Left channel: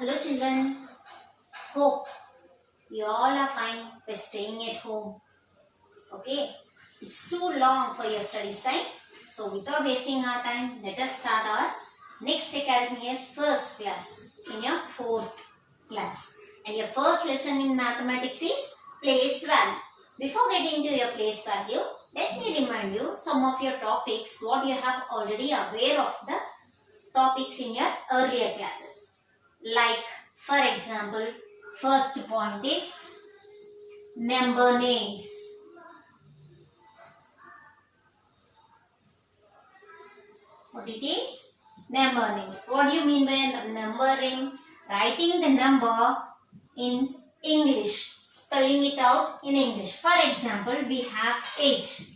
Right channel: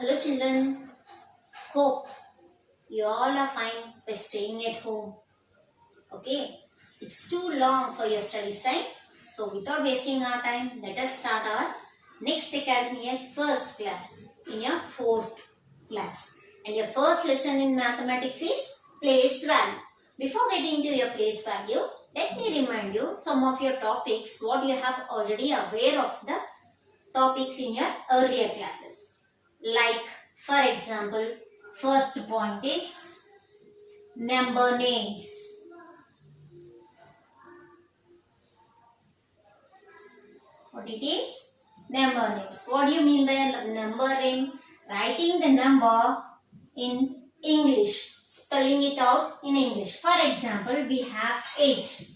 Hello children, hope you all are fine by staying at home. Okay, it's too long for your studies, right? So without wasting our time, let us start our next academy year's first class in your fourth class. And your first lesson in mathematics is place value. Before getting to your place value, let me remind you some of your topics, what you have already aware of the topics in your earlier classes. Like, for example, first point is number names. What it is? Number names. What do you mean by number name? Writing the number in English. Spelling it out in English. For example, we have 8.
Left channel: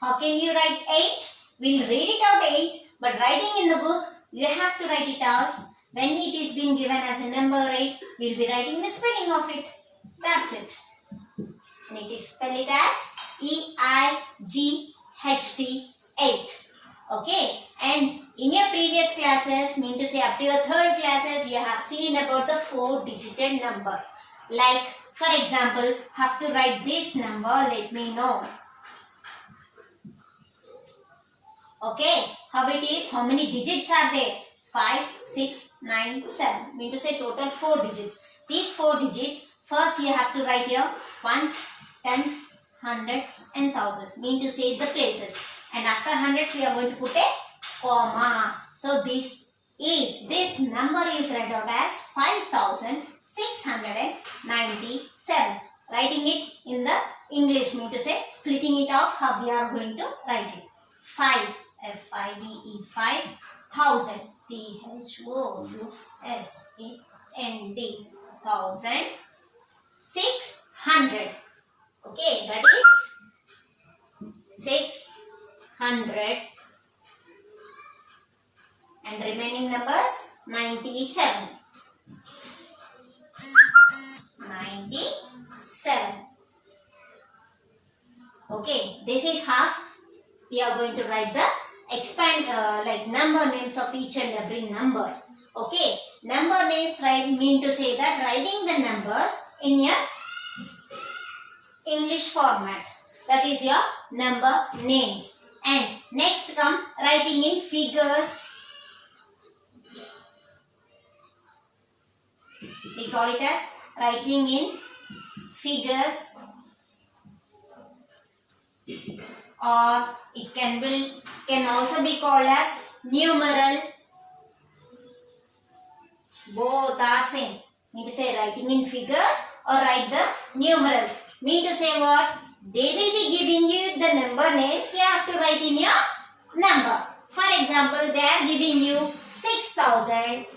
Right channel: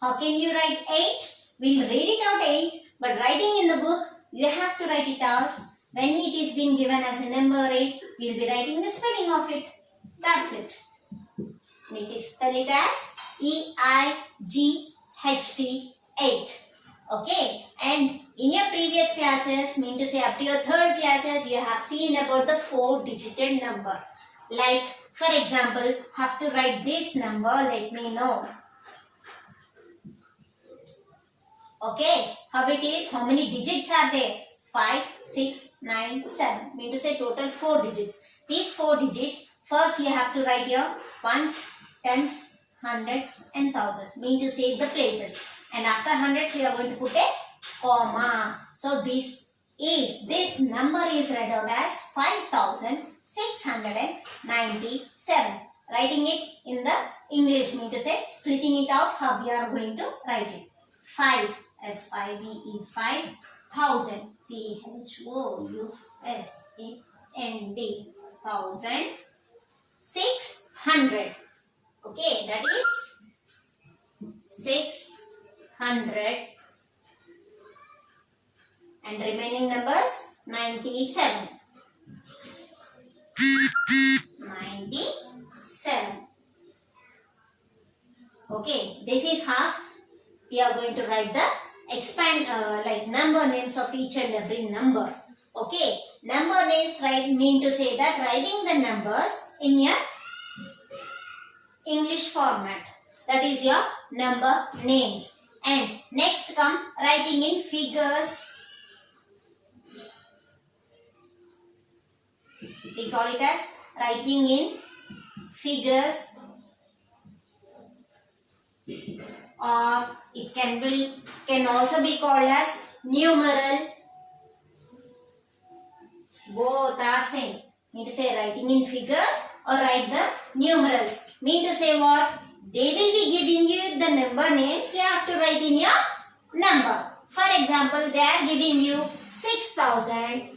How can you write 8? We'll read it out 8. But writing in the book, you have to write it as, when it is being given as a number 8, we'll be writing the spelling of it. That's it. And it is spell it as EIGHT 8. Okay, and in your previous classes, mean to say up to your third classes, you have seen about the 4-digit number. Like, for example, have to write this number, let me know. Okay, how it is, how many digits are there? 5, 6, 9, 7. Mean to say total 4 digits. These 4 digits, first you have to write your ones, tens, hundreds and thousands. Mean to say the places. And after hundreds, we are going to put a comma. So this number is read out as 5,697. Writing it in the English, mean to say splitting it out, how we are going to write it. 5, F-I-V-E, 5,000, T-H-O-U-S-A-N-D, 1,000, 600. Okay, that is 600. And remaining numbers 97. 97. Okay, this is how we are going to write the like number names of each and every number. Okay, number names mean to say that writing the numbers in your English format. That is your number names. And next come writing in figures. We call it as writing in figures, or it can also be called as numeral. Both are same. Mean to say writing in figures or write the numerals. Mean to say what? They will be giving you the number names. You have to write in your number. For example, they are giving you 6,000.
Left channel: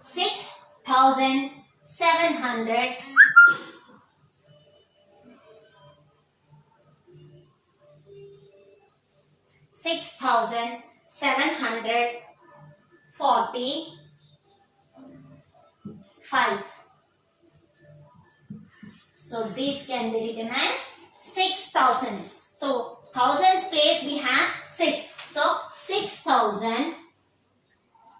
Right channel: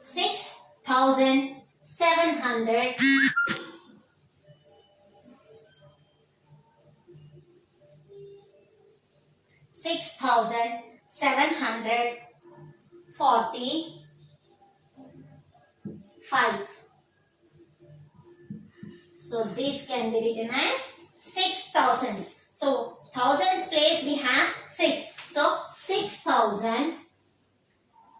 6,700. 6,745. So this can be written as 6,000s. So thousands place we have 6. So 6,000.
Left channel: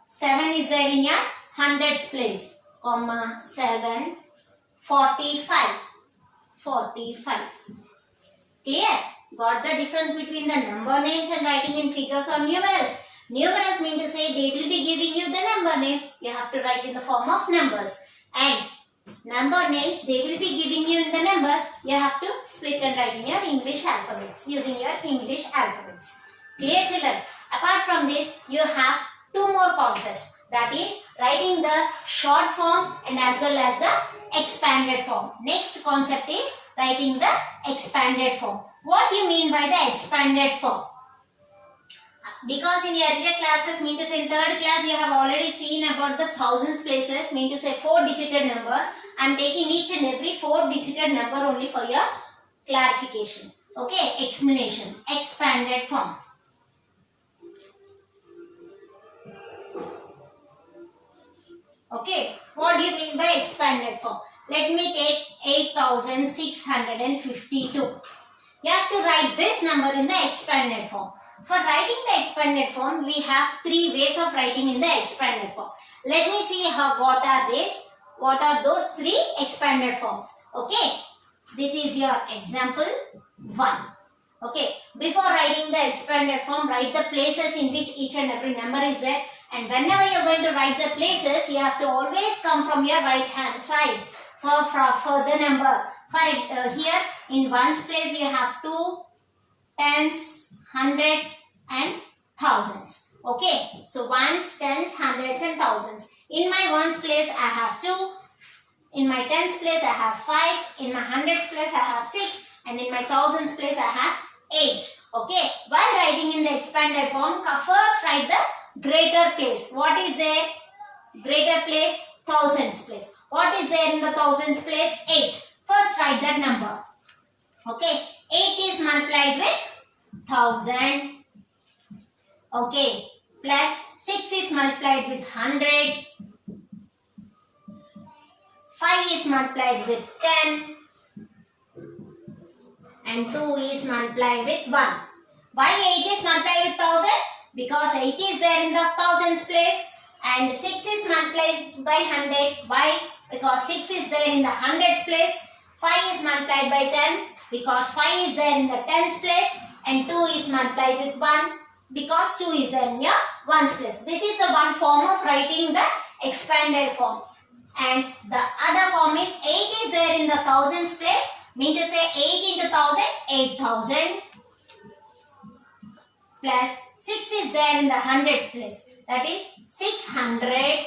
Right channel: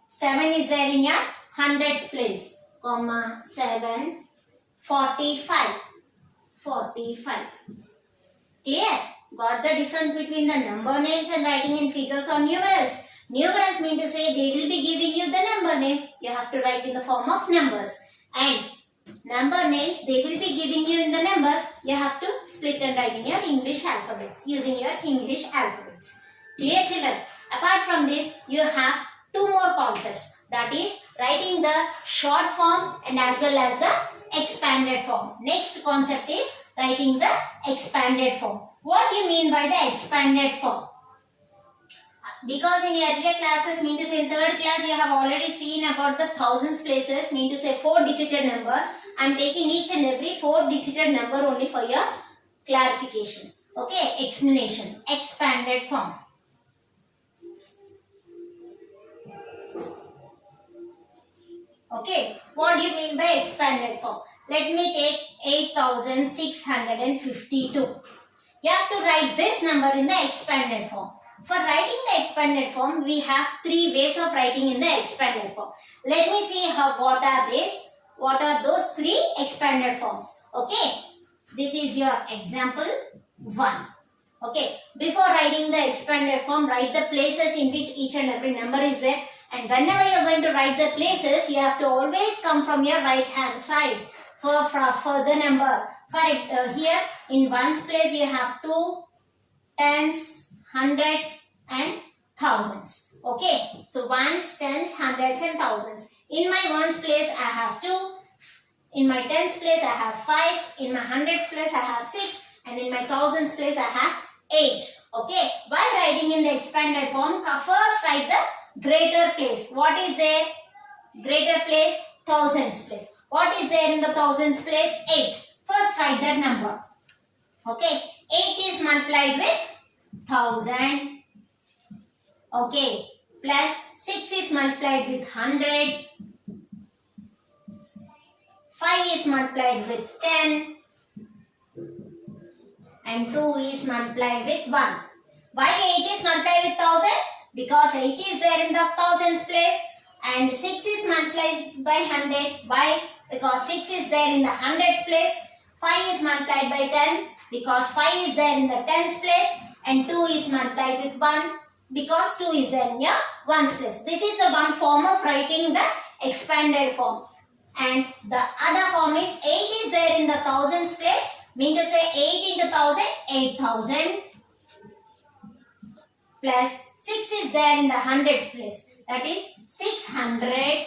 7 is there in your hundreds place. Comma 7. 45. 45. Clear? Got the difference between the number names and writing in figures or numerals? Numerals mean to say they will be giving you the number name. You have to write in the form of numbers. And number names, they will be giving you in the numbers. You have to split and write in your English alphabets, using your English alphabets. Clear children? Apart from this, you have 2 more concepts. That is writing the short form and as well as the expanded form. Next concept is writing the expanded form. What do you mean by the expanded form? Because in your earlier classes, mean to say in third class, you have already seen about the thousands places, mean to say 4-digit number. I am taking each and every 4-digit number only for your clarification. Okay, explanation. Expanded form. Okay, what do you mean by expanded form? Let me take 8,652. You have to write this number in the expanded form. For writing the expanded form, we have three ways of writing in the expanded form. Let me see what are these. What are those three expanded forms? Okay. This is your example 1. Okay. Before writing the expanded form, write the places in which each and every number is there. And whenever you are going to write the places, you have to always come from your right hand side for the number. Here in ones place you have 2, tens, hundreds and thousands. Okay. So ones, tens, hundreds and thousands. In my ones place I have 2. In my tens place I have 5. In my hundreds place I have 6. And in my thousands place I have 8. Okay. While writing in the expanded form, first write the greater place. What is there? Greater place, thousands place. What is there in the thousands place? 8. First write that number. Okay. 8 is multiplied with 1000. Okay. Plus 6 is multiplied with 100. 5 is multiplied with 10. And 2 is multiplied with 1. Why 8 is multiplied with 1000? Because 8 is there in the thousands place. And 6 is multiplied by 100. Why? Because 6 is there in the hundreds place. 5 is multiplied by 10. Because 5 is there in the tens place. And 2 is multiplied with 1. Because 2 is there in your ones place. This is the one form of writing the expanded form. And the other form is 8 is there in the thousands place. Mean to say 8 into 1000, 8000. Plus 6 is there in the hundreds place. That is 600.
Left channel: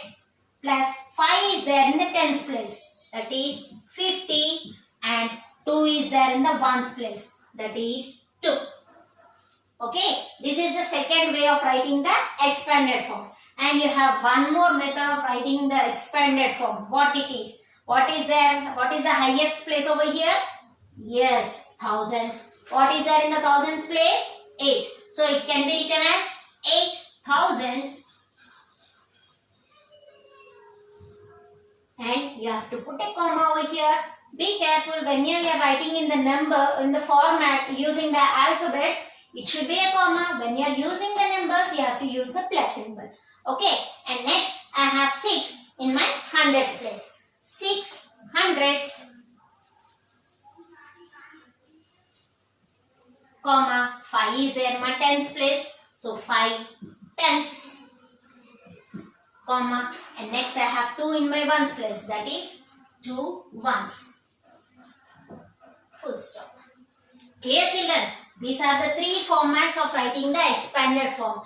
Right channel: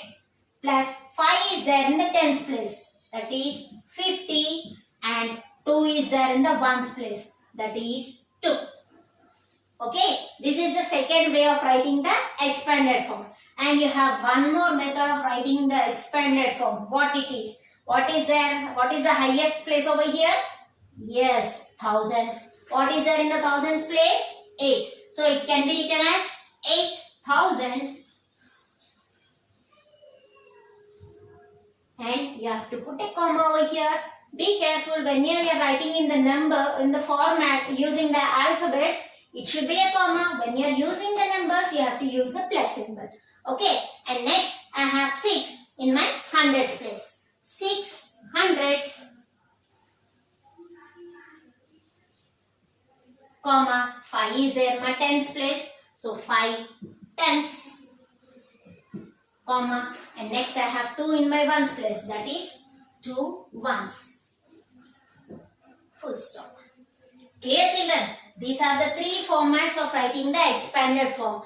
Plus 5 is there in the tens place. That is 50. And 2 is there in the ones place. That is 2. Okay. This is the second way of writing the expanded form. And you have one more method of writing the expanded form. What it is? What is there? What is the highest place over here? Yes, thousands. What is there in the thousands place? 8. So it can be written as 8 thousands. And you have to put a comma over here. Be careful when you are writing in the number, in the format using the alphabets. It should be a comma. When you are using the numbers, you have to use the plus symbol. Okay. And next, I have 6 in my hundreds place. 6 hundreds. Comma, 5 is there in my tens place. So 5 tens. Comma, and next I have 2 in my ones place. That is 2 ones. Full stop. Clear, children? These are the three formats of writing the expanded form.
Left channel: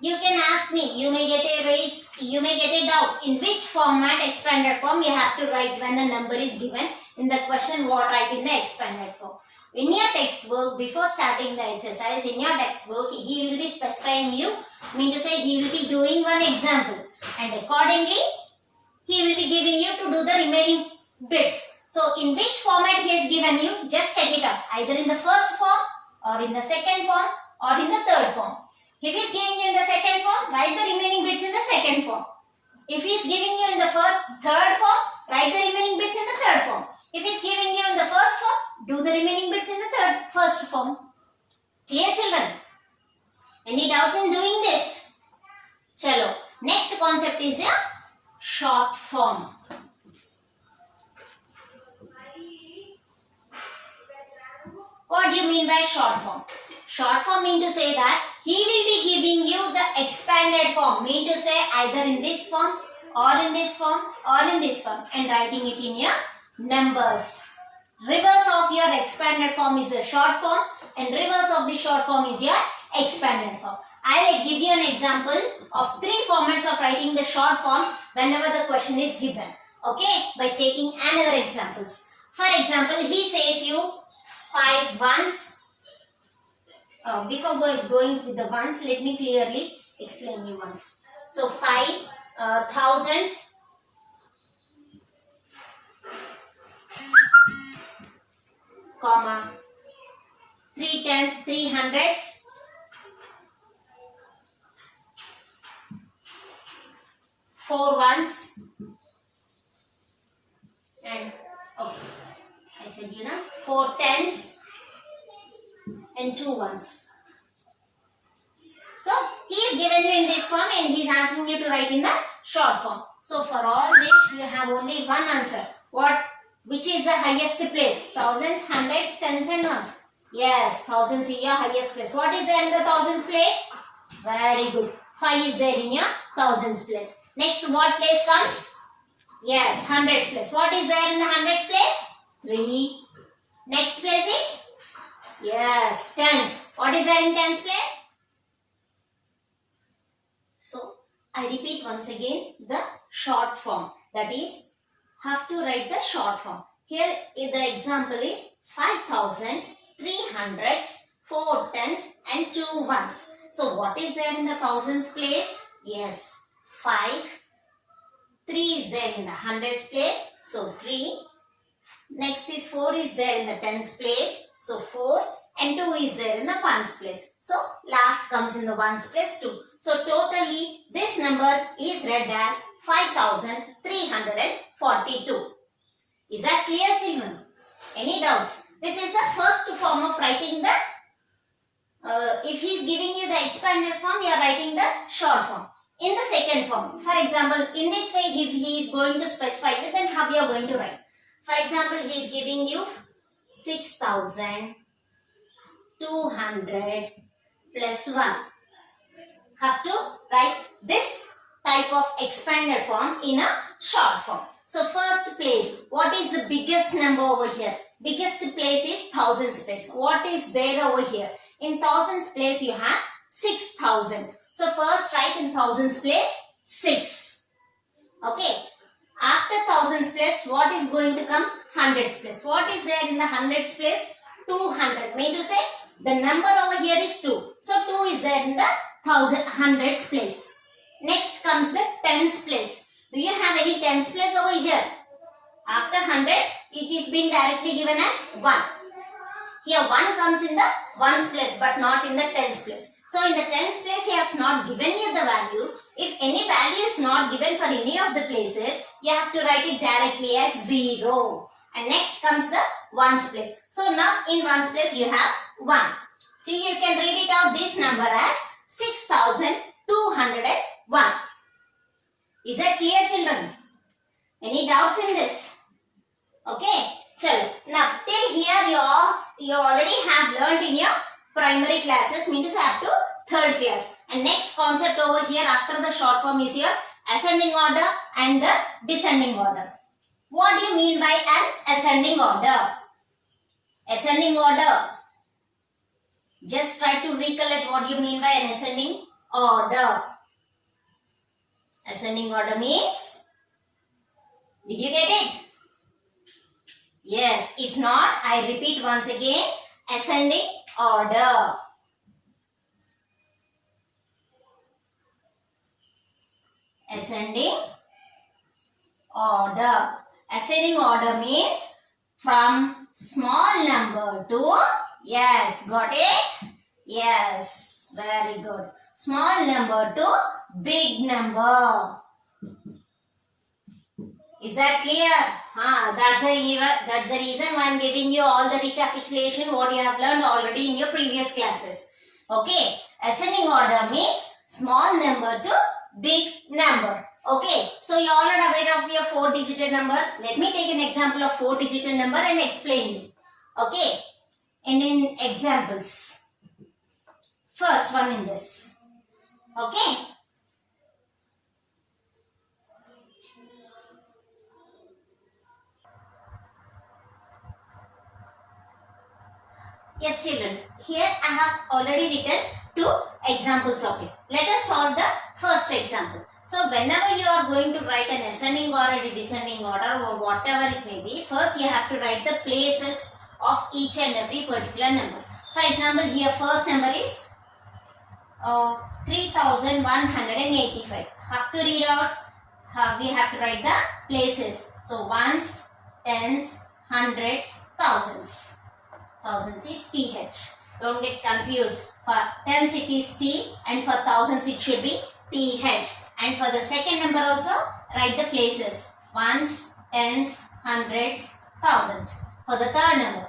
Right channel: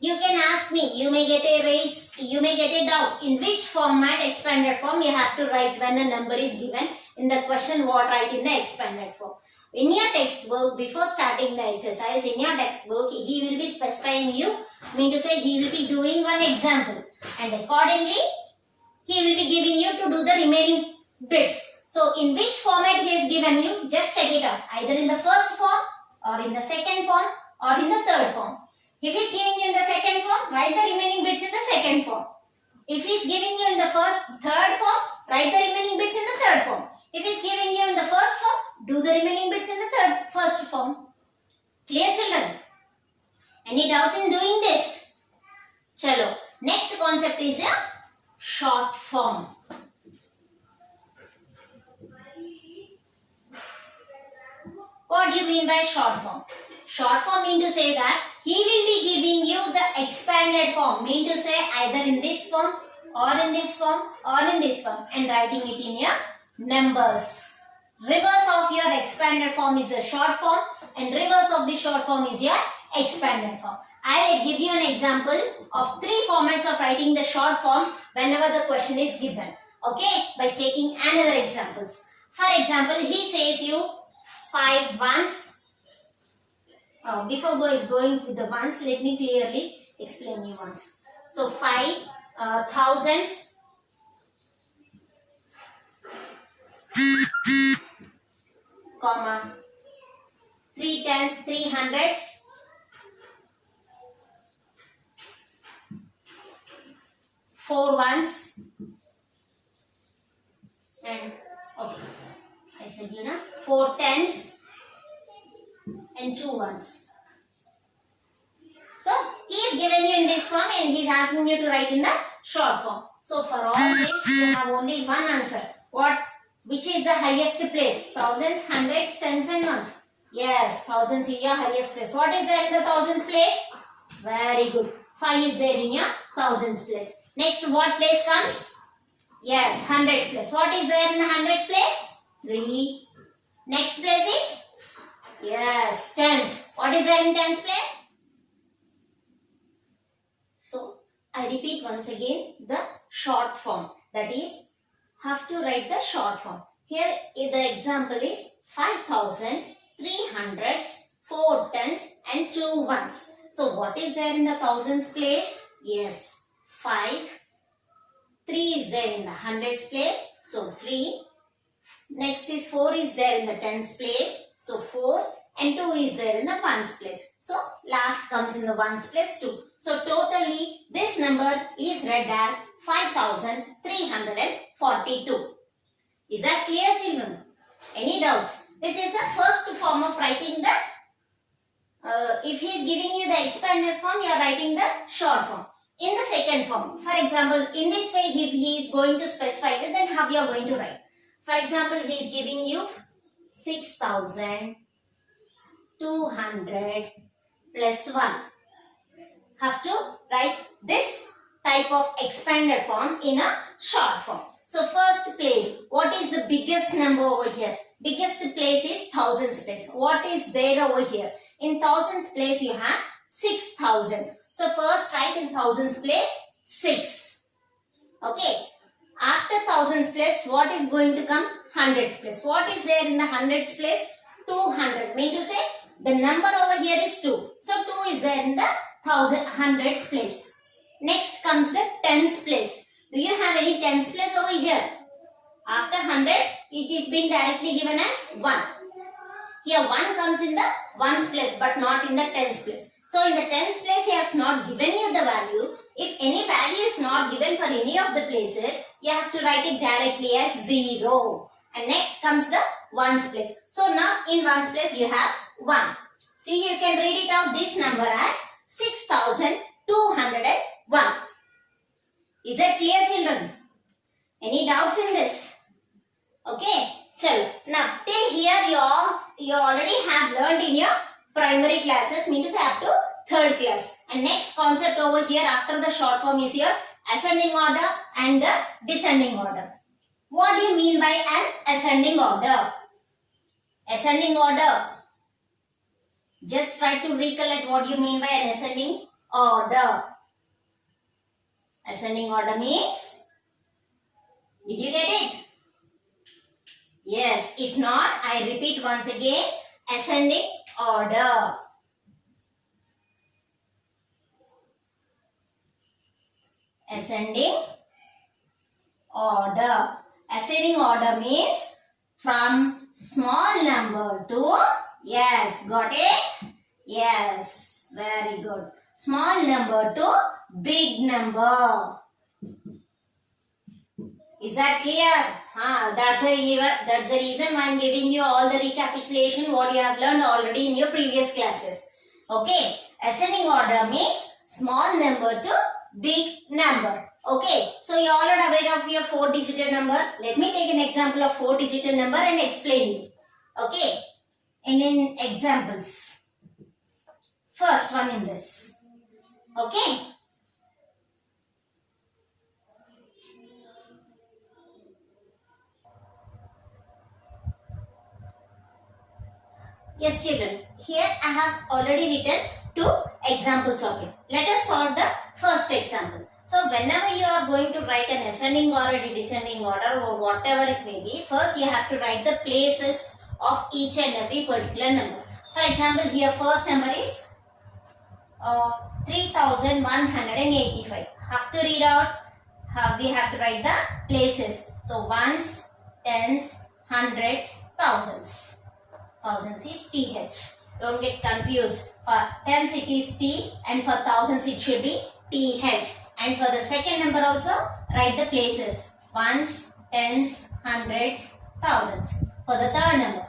You can ask me, you may get a doubt in which format expanded form you have to write when a number is given in the question what write in the expanded form. In your textbook, before starting the exercise, in your textbook, he will be specifying you, mean to say he will be doing one example and accordingly, he will be giving you to do the remaining bits. So, in which format he has given you, just check it out. Either in the first form or in the second form or in the third form. If he is giving you in the second form, write the remaining bits in the second form. If he is giving you in the third form, write the remaining bits in the third form. If he is giving you in the first form, do the remaining bits in the first form. Clear, children? Any doubts in doing this? Chalo. Next concept is the short form. What do you mean by short form? Short form mean to say that he will be giving you the expanded form. Mean to say either in this form or in this form or in this form and writing it in your numbers. Reverse of your expanded form is the short form and reverse of the short form is your expanded form. I will give you an example of 3 formats of writing the short form whenever the question is given. Okay, by taking another examples. For example, he says you 5 ones. Before going with the ones, let me clearly explain you once. So 5 thousands. Comma 3 hundreds. 4 ones. And okay, I said 4 tens and 2 ones. So he is given you in this form and he is asking you to write in the short form. So for all this you have only one answer. What? Which is the highest place? Thousands, hundreds, tens and ones. Yes, thousands is your highest place. What is there in the thousands place? Very good. 5 is there in your thousands place. Next, what place comes? Yes, hundreds place. What is there in the hundreds place? 3. Next place is? Yes, tens. What is there in tens place? So, I repeat once again the short form. That is, have to write the short form. Here, the example is 5,000, 3 hundreds, 4 tens and 2 ones. So, what is there in the thousands place? Yes, 5. 3 is there in the hundreds place. So, 3. Next is 4 is there in the tens place. So, 4. And 2 is there in the ones place. So, last comes in the ones place 2. So, totally this number is read as 5,342. Is that clear, children? Any doubts? This is the first form of writing the, if he is giving you the expanded form, you are writing the short form. In the second form, for example, in this way, if he is going to specify you, then how you are going to write? For example, he is giving you 6,200 plus 1. Have to write this type of expanded form in a short form. So first place, what is the biggest number over here? Biggest place is thousands place. What is there over here? In thousands place you have 6,000. So first write in thousands place 6. Okay. After thousands place, what is going to come? Hundreds place. What is there in the hundreds place? 200. Mean to say the number over here is 2. So 2 is there in the hundreds place. Next comes the tens place. Do you have any tens place over here? After hundreds, it is being directly given as 1. Here 1 comes in the ones place but not in the tens place. So in the tens place, he has not given you the value. If any value is not given for any of the places, you have to write it directly as 0. And next comes the ones place. So now in ones place, you have 1. So you can read it out this number as 6,201. Is that clear, children? Any doubts in this? Okay. Chalo. Now till here you already have learned in your primary classes, means up to 3rd class. And next concept over here after the short form is your ascending order and the descending order. What do you mean by an ascending order? Ascending order. Just try to recollect what you mean by an ascending order. Ascending order means, did you get it? Yes. If not, I repeat once again, ascending order. Ascending order. Ascending order means from small number to, yes, got it? Yes, very good. Small number to big number. Is that clear? That's the reason I am giving you all the recapitulation what you have learned already in your previous classes. Okay. Ascending order means small number to big number. Okay. So you all are aware of your 4-digit number. Let me take an example of 4-digit number and explain you. Okay. And in examples. First one in this. Okay. Yes, children. Here I have already written 2 examples of it. Let us solve the first example. So, whenever you are going to write an ascending or a descending order or whatever it may be, first you have to write the places of each and every particular number. For example, here first number is 3,185. Have to read out. We have to write the places. So, ones, tens, hundreds, thousands. Thousands is TH. Don't get confused. For tens it is T and for thousands it should be TH. And for the second number also write the places. Ones, tens, hundreds, thousands. For the third number,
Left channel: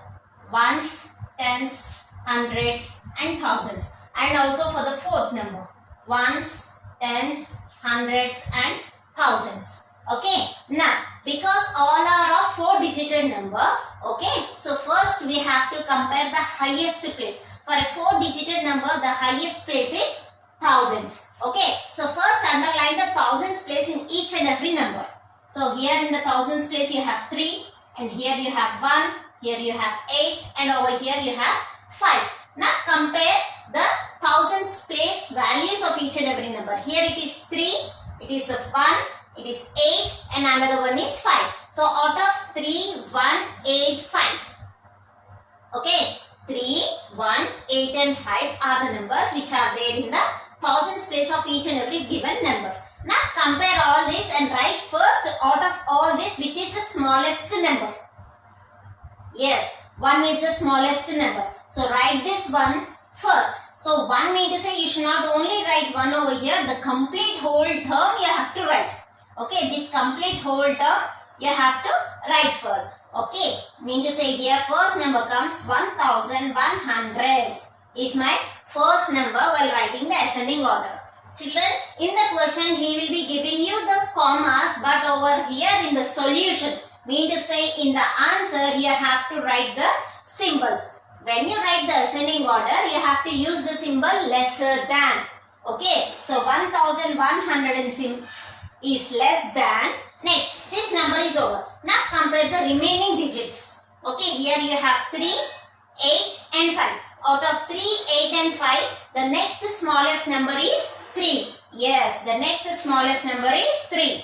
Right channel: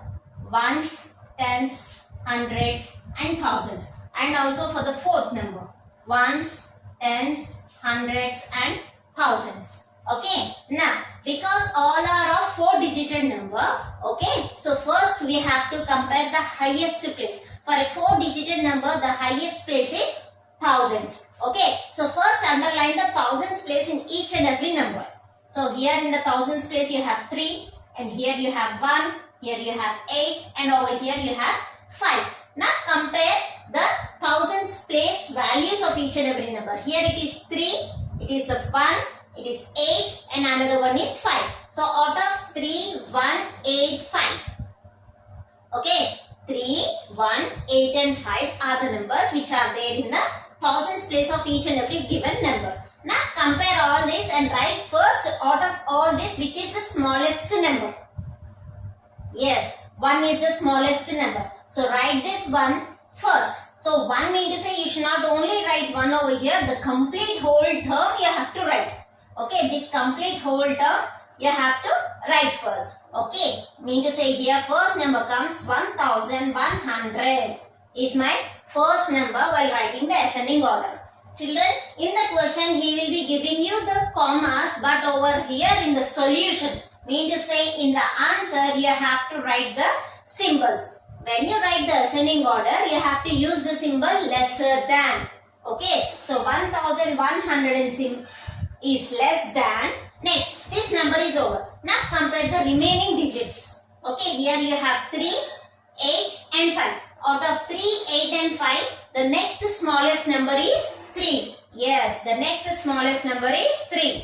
ones, tens, hundreds and thousands. and also for the fourth number. Ones, tens, hundreds and thousands. Okay. Now, because all are of 4-digit number, okay. So first we have to compare the highest place. For a 4-digit number, the highest place is thousands. Okay. So first underline the thousands place in each and every number. So here in the thousands place you have 3, and here you have 1, here you have 8, and over here you have 5. Now compare the thousands place values of each and every number. Here it is 3, it is the 1, it is 8, and another one is 5. So out of 3, 1, 8, 5. Okay, 3, 1, 8 and 5 are the numbers which are there in the thousands place of each and every given number. Now compare all this and write first out of all this which is the smallest number. Yes, 1 is the smallest number. So write this one first. So 1 means to say you should not only write 1 over here, the complete whole term you have to write. Okay, this complete whole term you have to write first. Okay, mean to say here first number comes 1100 is my first number while writing the ascending order. Children, in the question he will be giving you the commas, but over here in the solution, mean to say in the answer you have to write the symbols. When you write the ascending order, you have to use the symbol lesser than. Okay, so 1100 is less than. Next, this number is over. Now compare the remaining digits. Okay, here you have 3, 8 and 5. Out of 3, 8 and 5, the next smallest number is 3. Yes, the next smallest number is 3.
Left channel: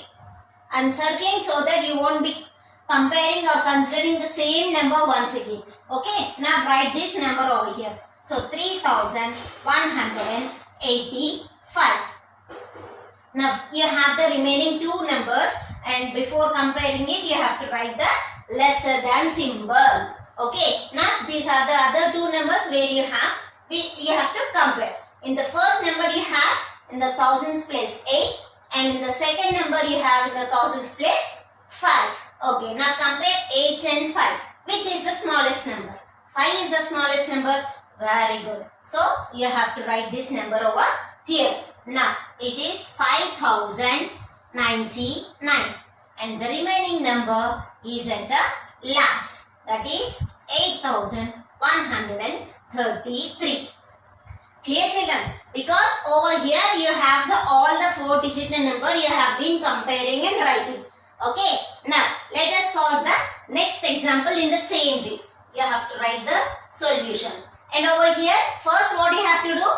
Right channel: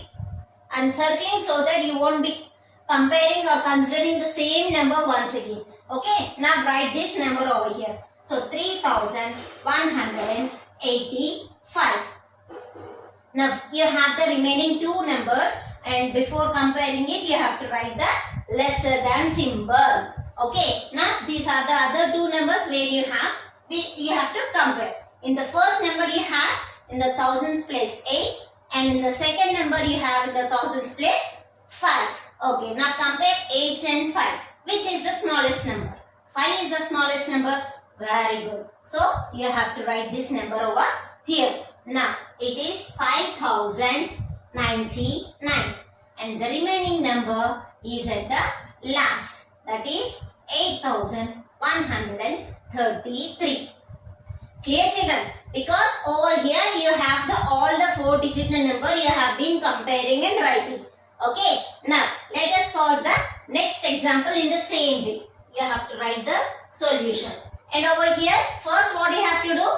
I'm circling so that you won't be comparing or considering the same number once again. Okay, now write this number over here. So 3185. Now you have the remaining two numbers, and before comparing it you have to write the lesser than symbol. Okay, now these are the other two numbers where you have to compare. In the first number you have in the thousands place 8, and in the second number you have in the thousands place 5. Okay, now compare 8 and 5. Which is the smallest number? 5 is the smallest number. Very good. So you have to write this number over here. Now it is 5099, and the remaining number is at the last, that is 8133. Clear, children? Because over here you have all the 4-digit number you have been comparing and writing. Okay, now let us solve the next example in the same way. You have to write the solution. And over here, first what you have to do?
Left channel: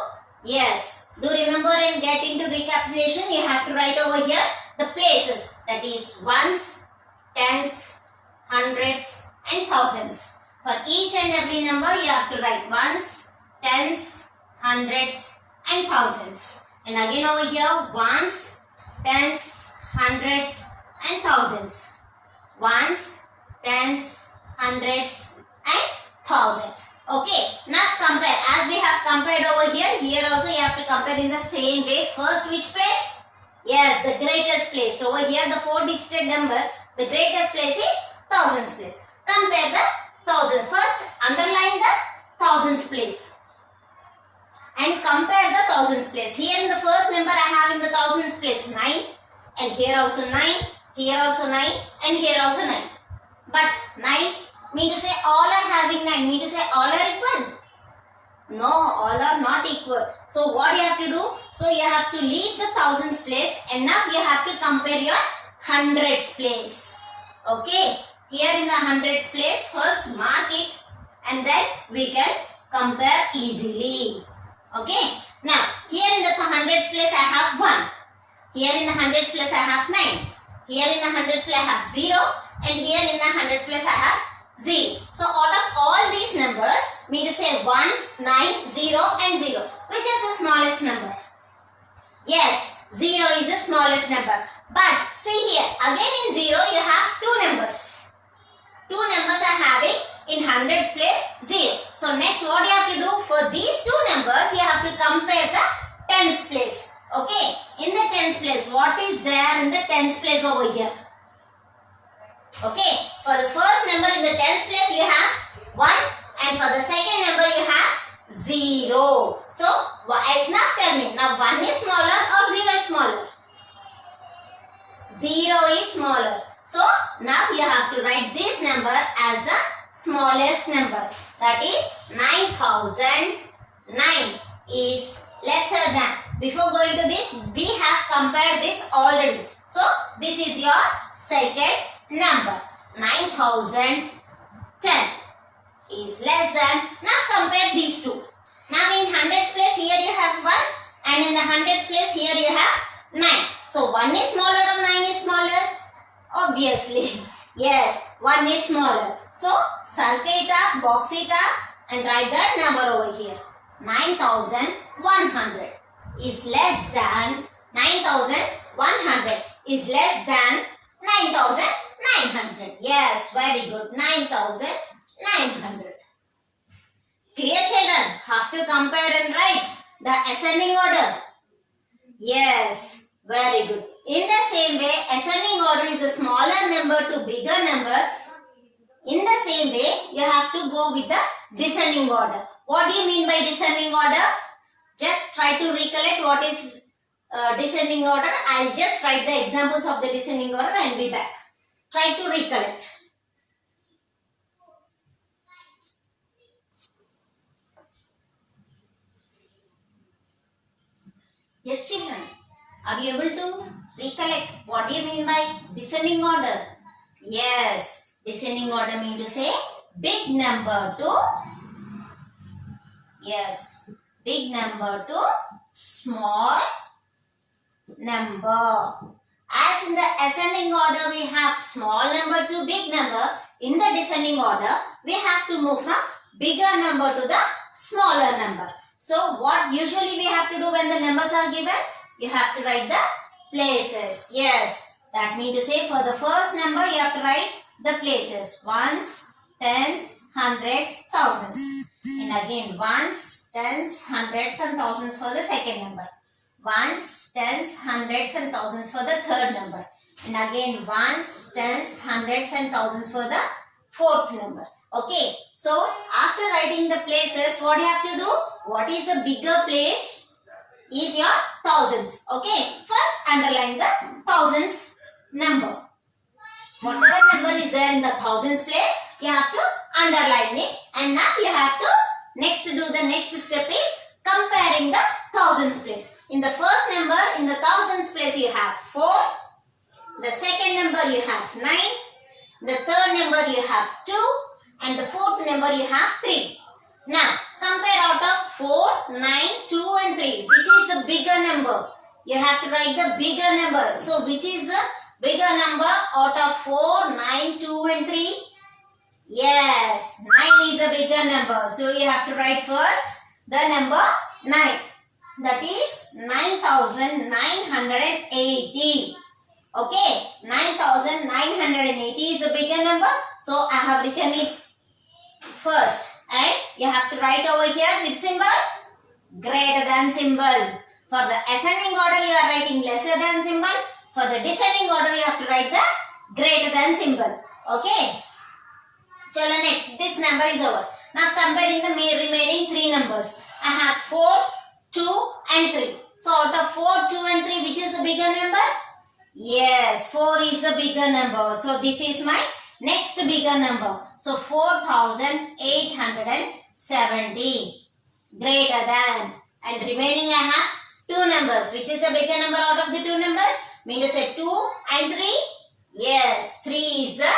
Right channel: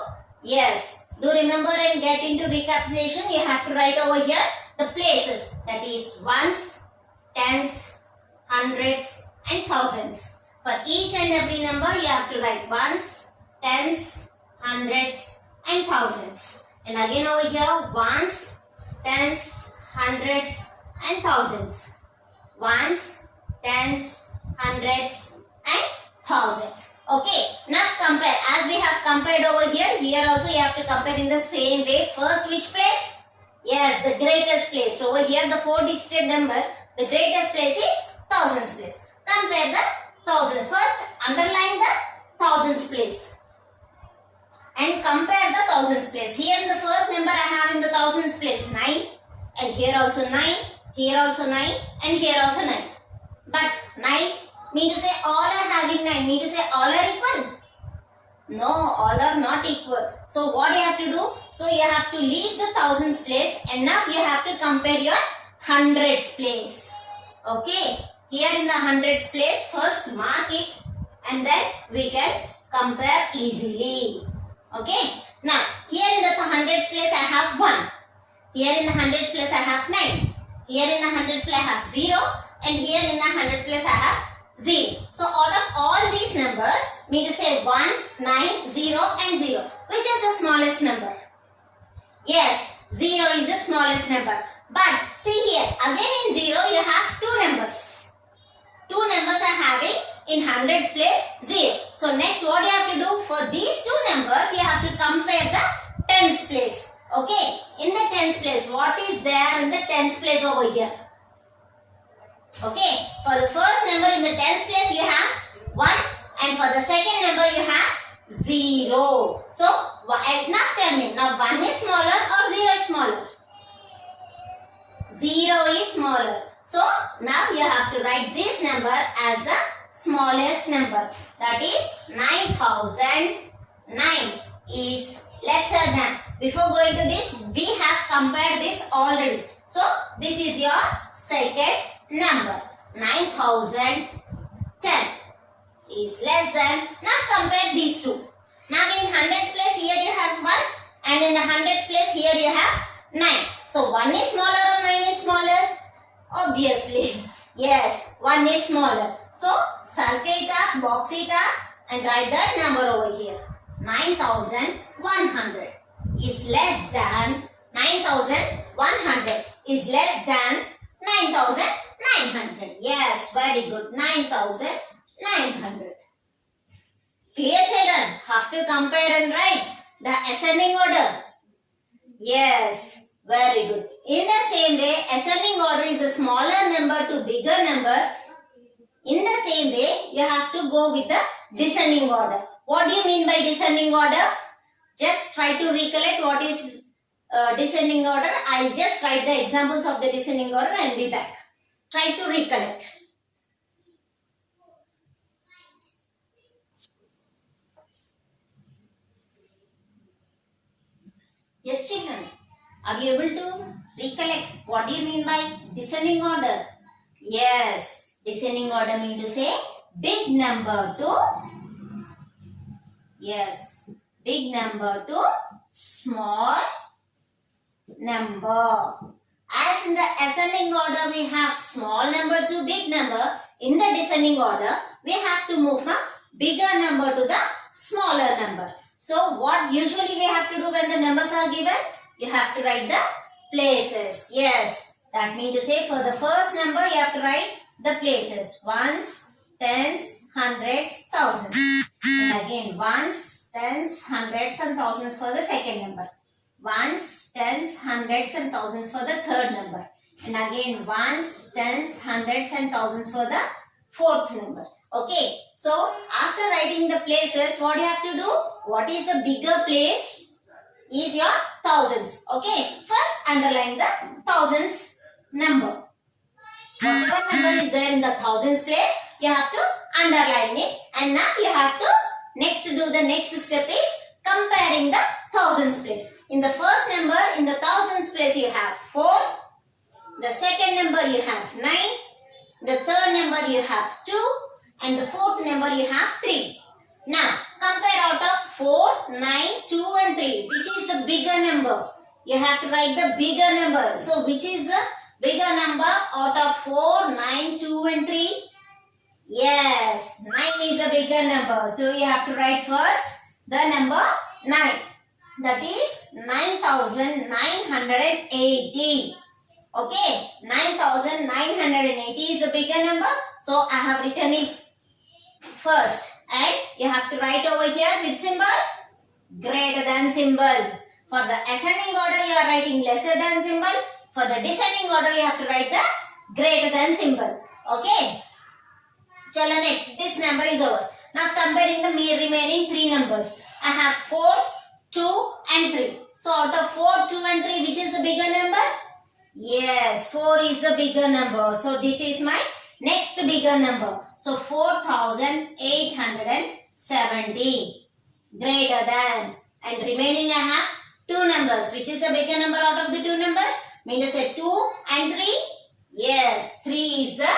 Yes, do remember and get into recapitulation. You have to write over here the places, that is ones, tens, hundreds and thousands. For each and every number you have to write ones, tens, hundreds and thousands. And again over here, ones, tens, hundreds and thousands. Ones, tens, hundreds and thousands. Okay, now compare. As we have compared over here, here also you have to compare in the same way. First, which place? Yes, the greatest place. Over here, the 4-digit number, the greatest place is thousands place. Compare the thousands. First, underline the thousands place and compare the thousands place. Here in the first number I have in the thousands place 9, and here also 9, here also 9, and here also 9. But 9 mean to say all are having 9, mean to say all are equal? No, all are not equal. So what you have to do? So you have to leave the thousands place, and now you have to compare your hundreds place. Okay, here in the hundreds place, first mark it and then we can compare easily. Okay, now here in the hundreds place I have 1. Here in the hundreds place I have 9. Here in the hundreds place I have 0, and here in the hundreds place I have 0. So out of all these numbers, mean to say 1, 9, 0 and 0. Which is the smallest number? Yes, 0 is the smallest number. But see here, again in 0 you have two numbers. Two numbers are having in hundreds place 0. So next what you have to do? For these two numbers you have to compare the tens place. Okay, in the tens place, what is there in the tens place over here? Okay, for the first number in the tens place you have 1, and for the second number you have 0. So 1 Now tell me, now 1 is smaller or 0 is smaller? 0 is smaller. So now you have to write this number as the smallest number. That is 9009 is lesser than. Before going to this, we have compared this already. So this is your second number. 9010 is less than. Now compare these two. Now in hundreds place here you have 1 and in the hundreds place here you have 9. So 1 is smaller or 9 is smaller? Obviously. Yes, 1 is smaller. So circle it up, box it up and write that number over here. 9100 is less than 9100 is less than 9900. Yes, very good. 9900. Clear children? Have to compare and write the ascending order. Yes, very good. In the same way, ascending order is a smaller number to bigger number. In the same way, you have to go with the descending order. What do you mean by descending order? Just try to recollect what is descending order. I will just write the examples of the descending order and be back. Try to recollect. Yes, children. Are you able to recollect what do you mean by descending order? Yes, descending order means to say big number to big number to small number. As in the ascending order we have small number to big number, in the descending order we have to move from bigger number to the smaller number. So what usually we have to do when the numbers are given? You have to write the places. Yes, that means to say for the first number you have to write the places. Ones, tens, hundreds, thousands. And again ones, tens, hundreds and thousands for the second number. Ones, tens, hundreds and thousands for the third number. And again ones, tens, hundreds and thousands for the fourth number. Okay, so after writing the places, what you have to do? What is the bigger place? Is your thousands. Okay, first underline the thousands number. Whatever number is there in the thousands place, you have to underline it. And now you have to next do the next step is comparing the thousands place. In the first number, in the thousands place you have 4. The second number you have 9. The third number you have 2. And the fourth number you have 3. Now, compare out of 4, 9, 2 and 3. Which is the bigger number? You have to write the bigger number. So, which is the bigger number out of 4, 9, 2 and 3? Yes, 9 is the bigger number. So, you have to write first the number 9. That is 9980. Okay, 9980 is the bigger number. So, I have written it first. And you have to write over here with symbol greater than symbol. For the ascending order you are writing lesser than symbol. For the descending order you have to write the greater than symbol. Okay. Chalo next. This number is over. Now comparing the remaining 3 numbers. I have 4, 2 and 3. So out of 4, 2 and 3 which is the bigger number? Yes, 4 is the bigger number. So this is my next bigger number. So 4870 greater than, and remaining I have 2 numbers. Which is the bigger number out of the 2 numbers? Mean to say 2 and 3? Yes, 3 is the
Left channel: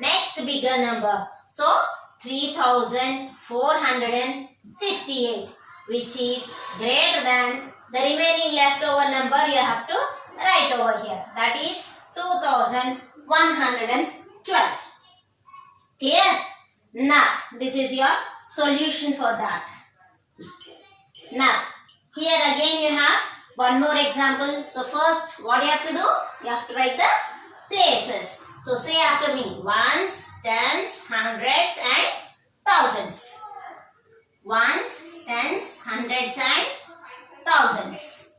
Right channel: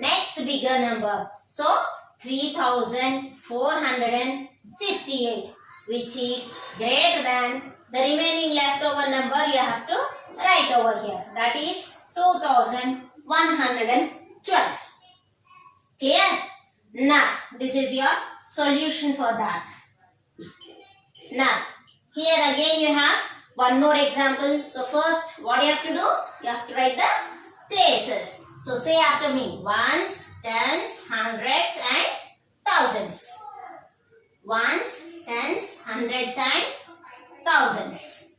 next bigger number. So 3458 which is greater than the remaining leftover number you have to write over here. That is 2112. Clear? Now, this is your solution for that. Now, here again you have one more example. So, first, what you have to do? You have to write the places. So, say after me. Ones, tens, hundreds and thousands. Ones, tens, hundreds and thousands.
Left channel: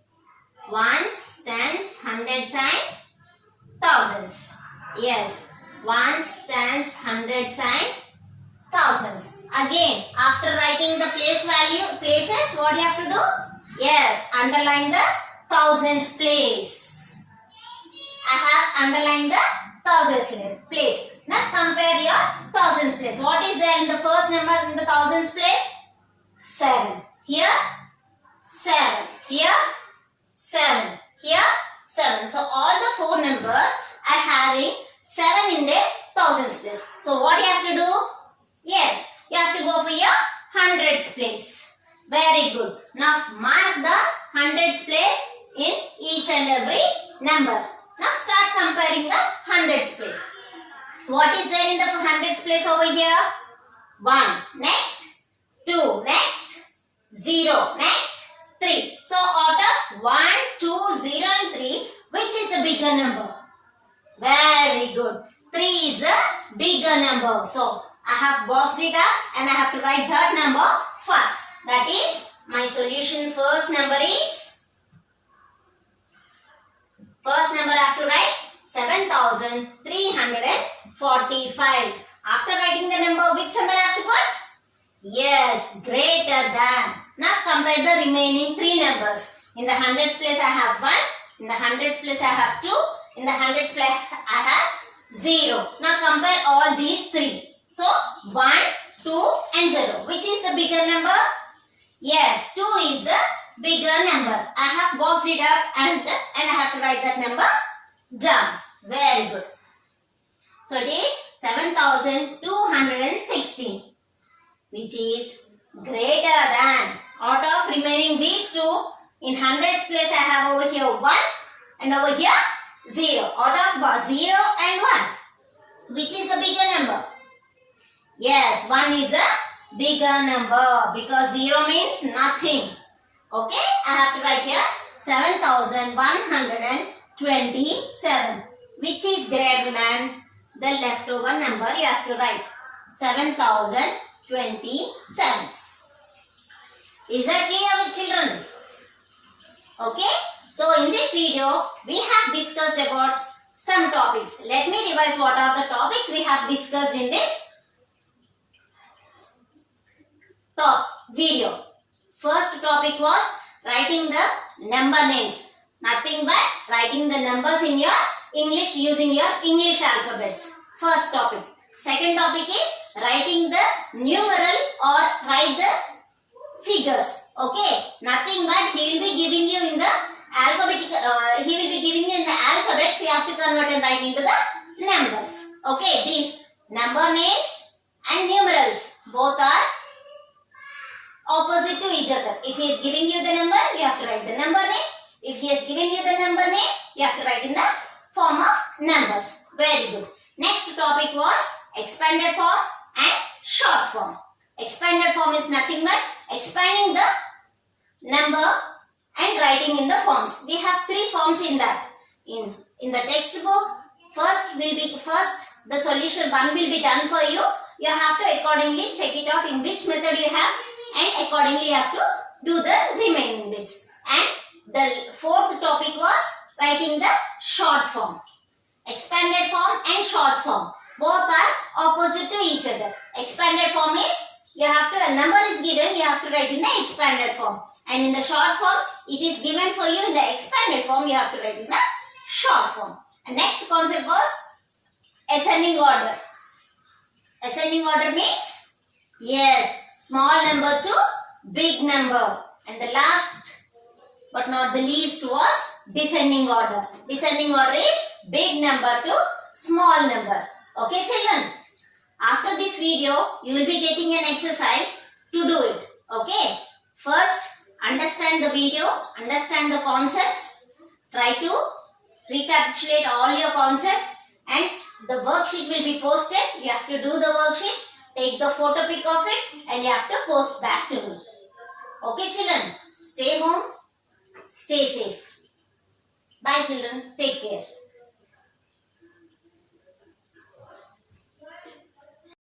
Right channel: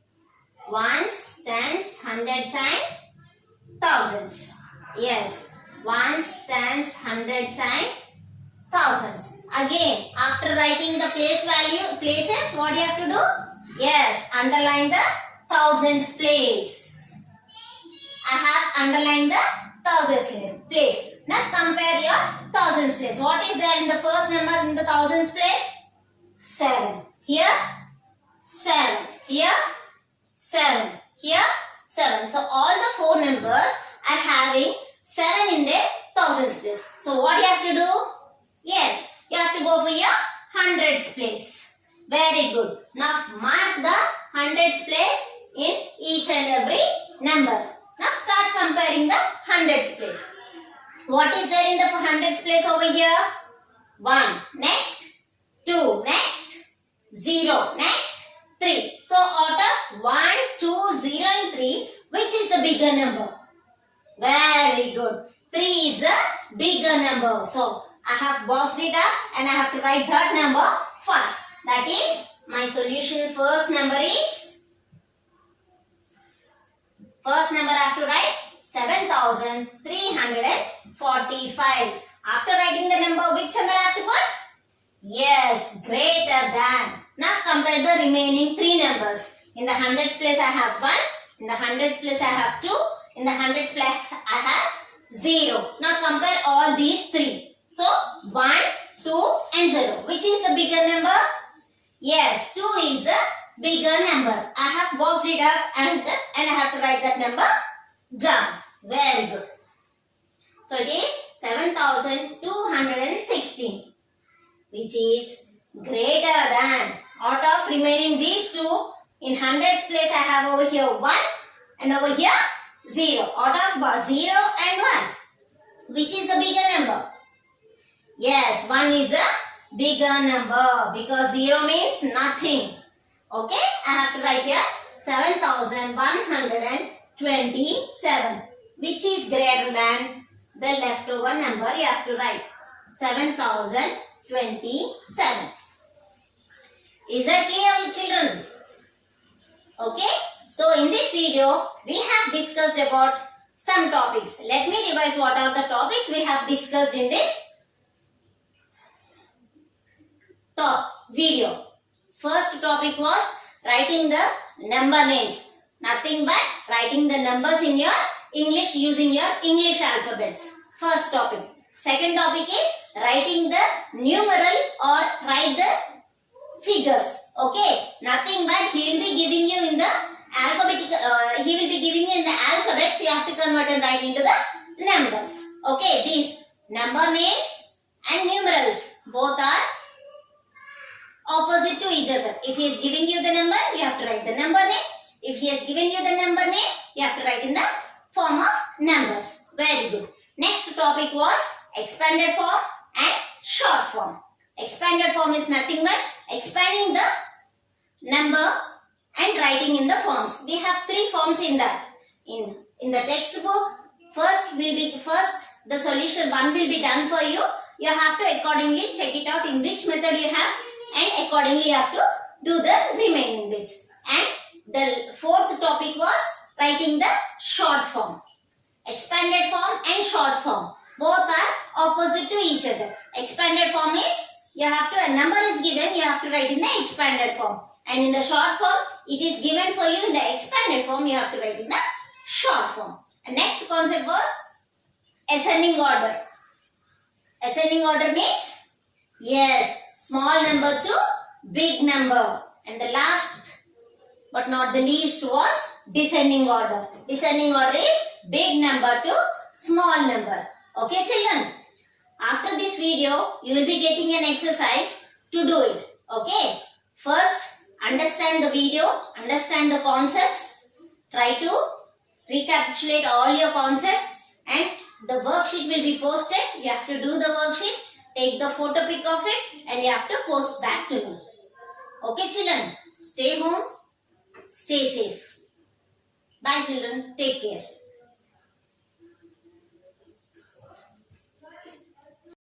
Ones, tens, hundreds and thousands. Yes. Ones, tens, hundreds and thousands. Again, after writing the places, what you have to do? Yes, underline the thousands place. I have underlined the thousands place. Now compare your thousands place. What is there in the first number in the thousands place? 7. Here 7. Here 7. Here 7. So all the 4 numbers are having 7 in their thousands place. So what you have to do? Yes, you have to go for your hundreds place. Very good. Now mark the hundreds place in each and every number. Now start comparing the hundreds place. What is there in the hundreds place over here? 1. Next 2. Next 0. Next 3. So out of 1, 2, 0 and 3, which is the bigger number? Very good. 3 is the bigger number. So I have boxed it up and I have to write that number first. That is my solution. First number I have to write 7,345. After writing the number, which symbol I have to put? Yes, greater than. Now compare the remaining 3 numbers. In the hundreds place I have 1. In the hundreds place I have 2. In the hundreds place I have 0. Now compare all these 3. So 1, 2 and 0. Which is the bigger number? Yes, 2 is the bigger number. I have boxed it up and I have to write that number down. Very good. So it is 7,216, which is greater than. Out of remaining these 2, in hundreds place I have over here 1 and over here 0. Out of 0 and 1, which is the bigger number? Yes, 1 is the bigger number because 0 means nothing. Okay, I have to write here 7,127, which is greater than the leftover number. You have to write 7,027. Is that clear with children? Okay, so in this video we have discussed about some topics. Let me revise what are the topics we have discussed in this video. First topic was writing the number names. Nothing but writing the numbers in your English using your English alphabets. First topic. Second topic is writing the numeral or write the figures. Okay. Nothing but he will be giving you in the alphabetical. He will be giving you in the alphabets. You have to convert and write into the numbers. Okay. These number names and numerals both are opposite to each other. If he is giving you the number, you have to write the number name. If he has given you the number name, you have to write in the form of numbers. Very good. Next topic was expanded form and short form. Expanded form is nothing but expanding the number and writing in the forms. We have 3 forms in that. In the textbook, first the solution 1 will be done for you. You have to accordingly check it out in which method you have, and accordingly you have to do the remaining bits. And the 4th topic was writing the short form. Expanded form and short form both are opposite to each other. Expanded form is a number is given, you have to write in the expanded form. And in the short form, it is given for you in the expanded form, you have to write in the short form. And next concept was ascending order. Ascending order means, yes, small number to big number. And the last but not the least was descending order. Descending order is big number to small number. Okay children? After this video, you will be getting an exercise to do it. Okay? First, understand the video, understand the concepts. Try to recapitulate all your concepts, and the worksheet will be posted. You have to do the worksheet, take the photo pic of it, and you have to post back to me. Okay children? Stay home, stay safe. Bye children. Take care.